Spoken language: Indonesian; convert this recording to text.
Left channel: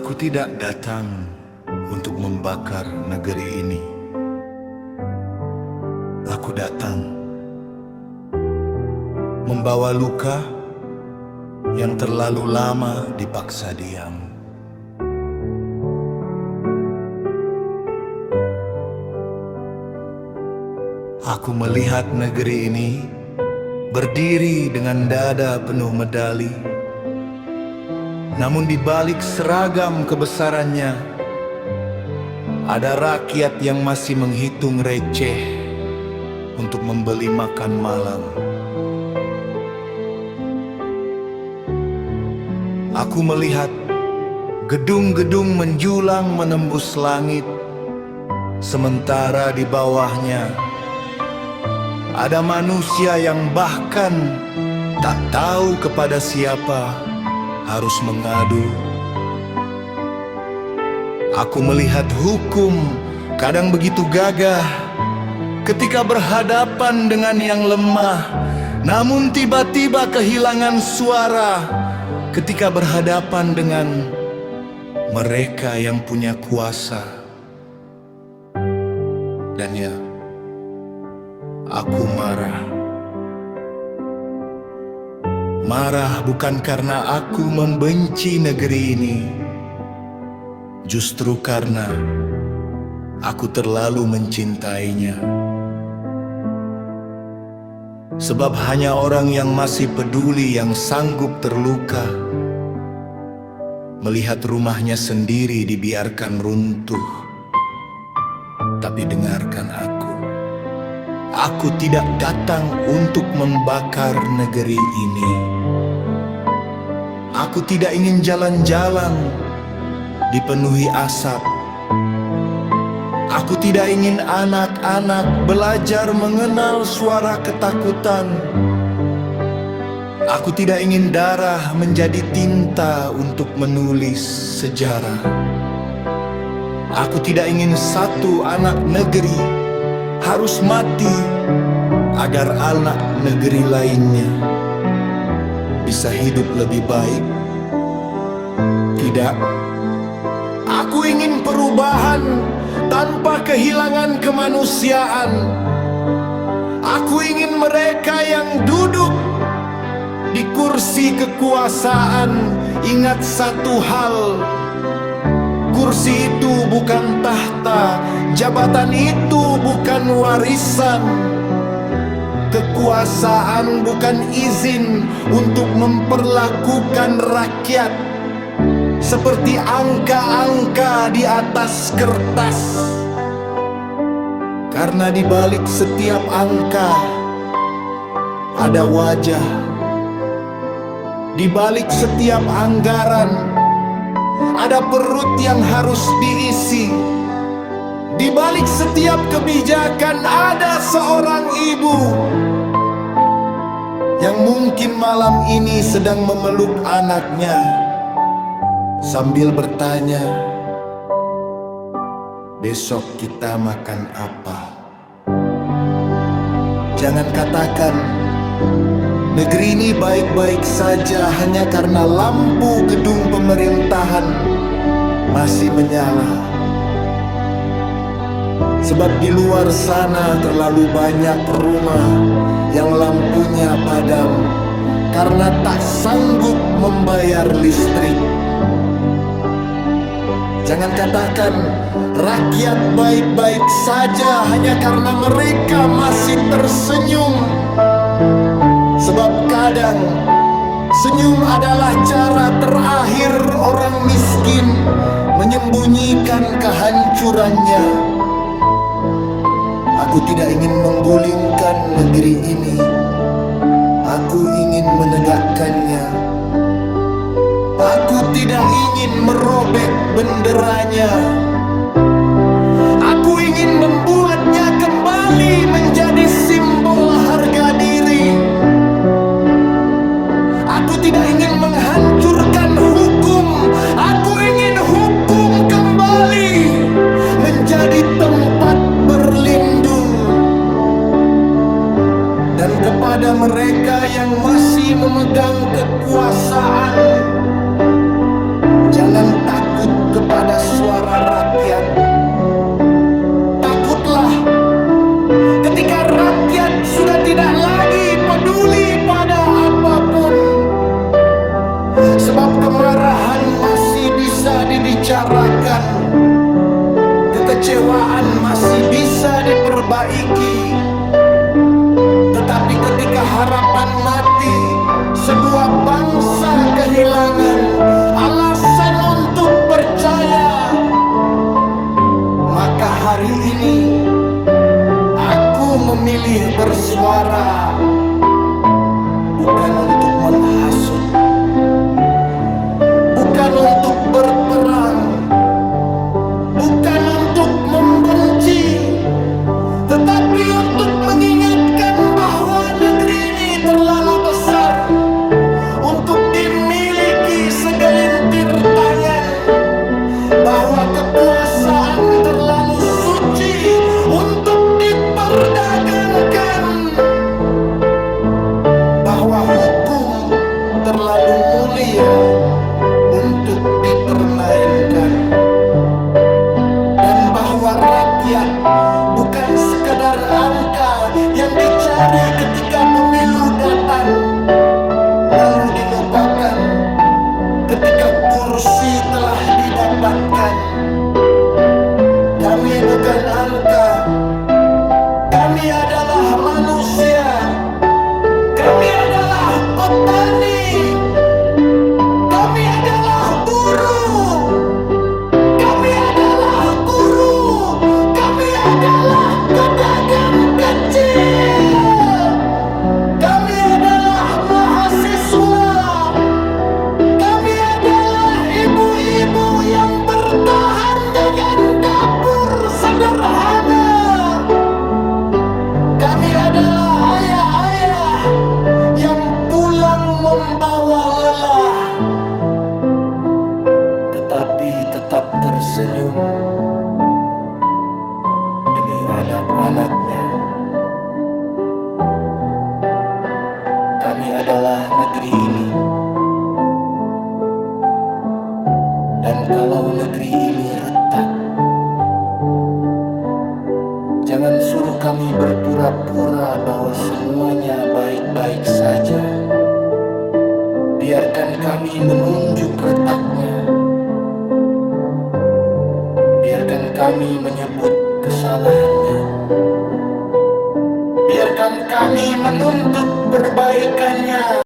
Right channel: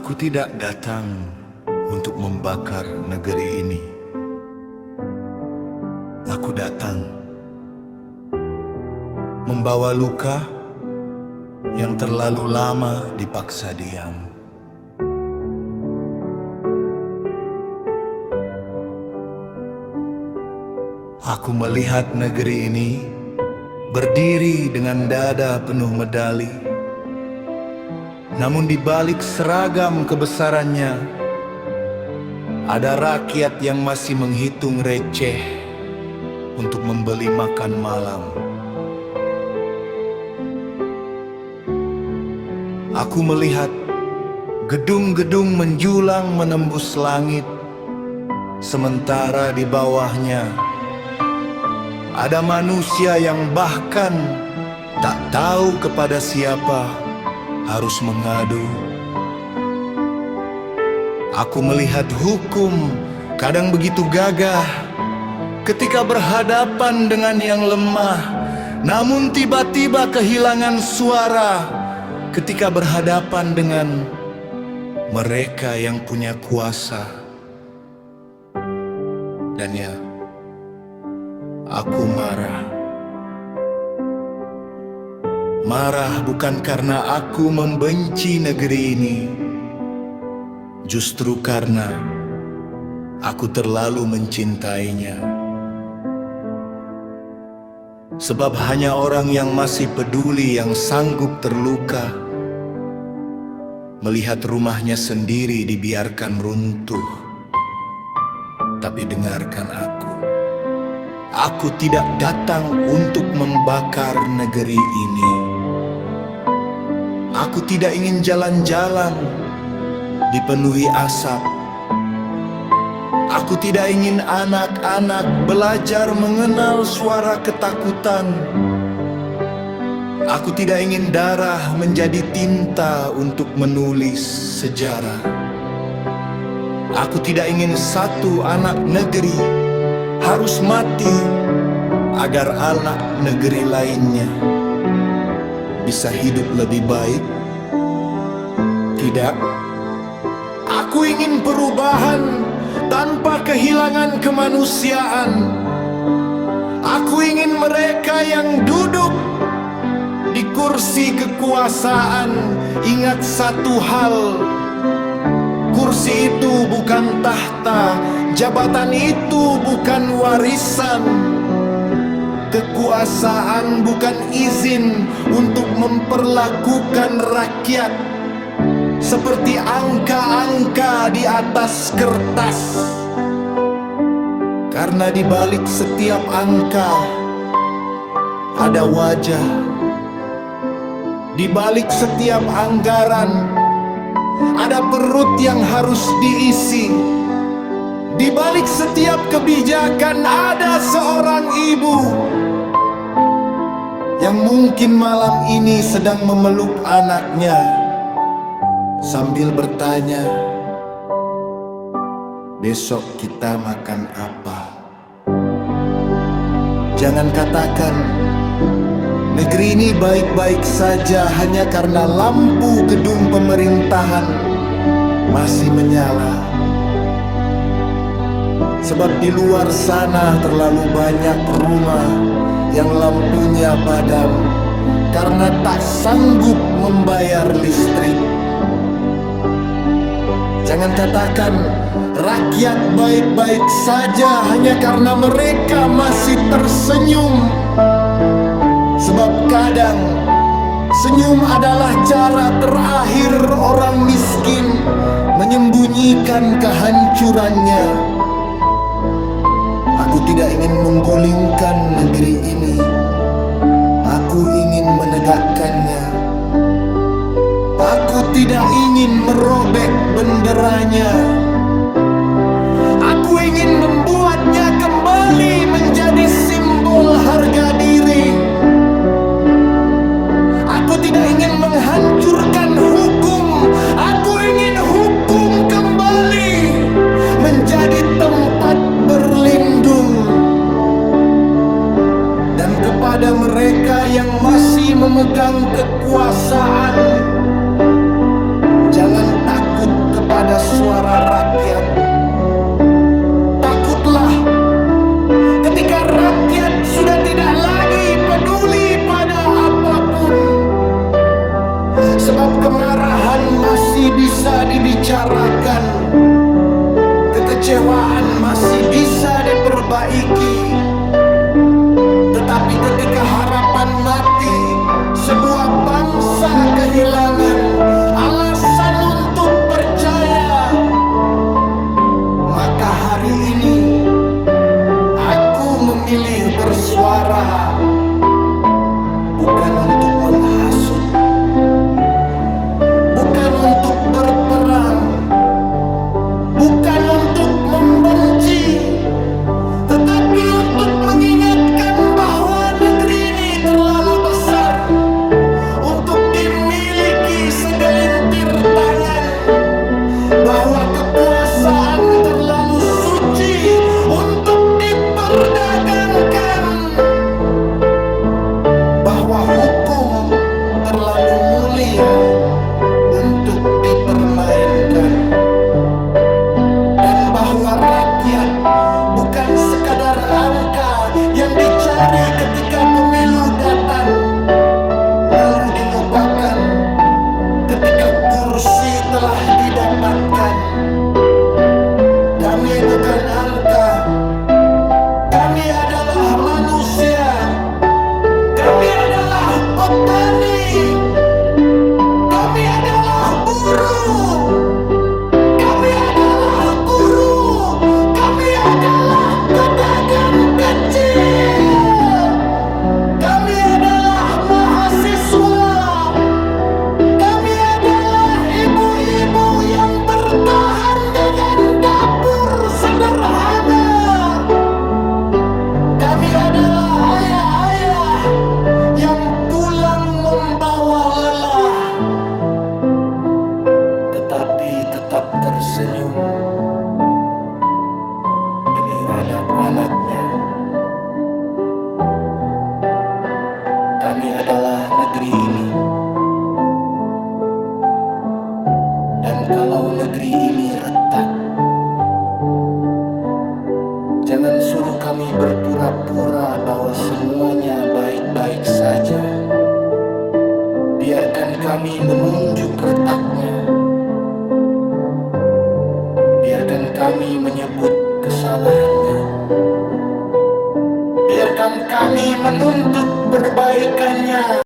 Aku tidak datang untuk membakar negeri ini. Aku datang membawa luka yang terlalu lama dipaksa diam. Aku melihat negeri ini berdiri dengan dada penuh medali. Namun di balik seragam kebesarannya, ada rakyat yang masih menghitung receh untuk membeli makan malam. Aku melihat gedung-gedung menjulang menembus langit, sementara di bawahnya ada manusia yang bahkan tak tahu kepada siapa harus mengadu. Aku melihat hukum kadang begitu gagah ketika berhadapan dengan yang lemah, namun tiba-tiba kehilangan suara ketika berhadapan dengan mereka yang punya kuasa. Dan ya, aku marah. Marah bukan karena aku membenci negeri ini, justru karena aku terlalu mencintainya. Sebab hanya orang yang masih peduli yang sanggup terluka melihat rumahnya sendiri dibiarkan runtuh. Tapi dengarkan aku tidak datang untuk membakar negeri ini. Aku tidak ingin jalan-jalan dipenuhi asap. Aku tidak ingin anak-anak belajar mengenal suara ketakutan. Aku tidak ingin darah menjadi tinta untuk menulis sejarah. Aku tidak ingin satu anak negeri harus mati agar anak negeri lainnya bisa hidup lebih baik. Tidak, aku ingin perubahan tanpa kehilangan kemanusiaan. Aku ingin mereka yang duduk di kursi kekuasaan ingat satu hal: kursi itu bukan tahta, jabatan itu bukan warisan. Kekuasaan bukan izin untuk memperlakukan rakyat seperti angka-angka di atas kertas. Karena di balik setiap angka ada wajah. Di balik setiap anggaran ada perut yang harus diisi. Di balik setiap kebijakan ada seorang ibu yang mungkin malam ini sedang memeluk anaknya sambil bertanya, besok kita makan apa? Jangan katakan negeri ini baik-baik saja hanya karena lampu gedung pemerintahan masih menyala. Sebab di luar sana terlalu banyak rumah yang lampunya padam karena tak sanggup membayar listrik. Jangan katakan rakyat baik-baik saja hanya karena mereka masih tersenyum. Sebab kadang senyum adalah cara terakhir orang miskin menyembunyikan kehancurannya. Aku tidak ingin menggulingkan negeri ini. Aku ingin menegakkannya. Aku tidak ingin merobek benderanya. Aku ingin membuatnya kembali menjadi simbol harga diri. Aku tidak ingin menghancurkan hukum. Aku ingin hukum kembali menjadi tempat berlindung. Dan kepada mereka yang masih memegang kekuasaan, jangan takut kekecewaan masih bisa diperbaiki. Tetapi ketika harapan mati, sebuah bangsa kehilangan alasan untuk percaya. Maka hari ini aku memilih bersuara, bukan untuk menghasut, bukan untuk berperang, bukan untuk membenci, tetapi untuk mengingatkan bahwa negeri ini terlalu besar untuk dimiliki segelintir tangan, bahwa kekuasaan terlalu suci untuk diperdagangkan, bahwa hukum terlalu mulia untuk dipermainkan, dan bahwa rakyat bukan sekedar angka yang dicari ketika pemilu datang lalu dilupakan ketika kursi telah didapatkan. Kami bukan angka, kami adalah manusia, kami adalah petani, kami adalah buruh, kami adalah guru, kami adalah pedagang kecil, kami adalah mahasiswa, kami adalah ibu-ibu yang bertahan dengan dapur sederhana, kami adalah ayah-ayah yang pulang membawa lelah, tetapi tetap tersenyum demi anak-anaknya. Kami adalah negeri ini, dan kalau negeri ini retak, jangan suruh kami berpura-pura bahwa semuanya baik-baik saja. Biarkan kami menunjuk retaknya, biarkan kami menyebut kesalahannya, biarkan kami menuntut perbaikannya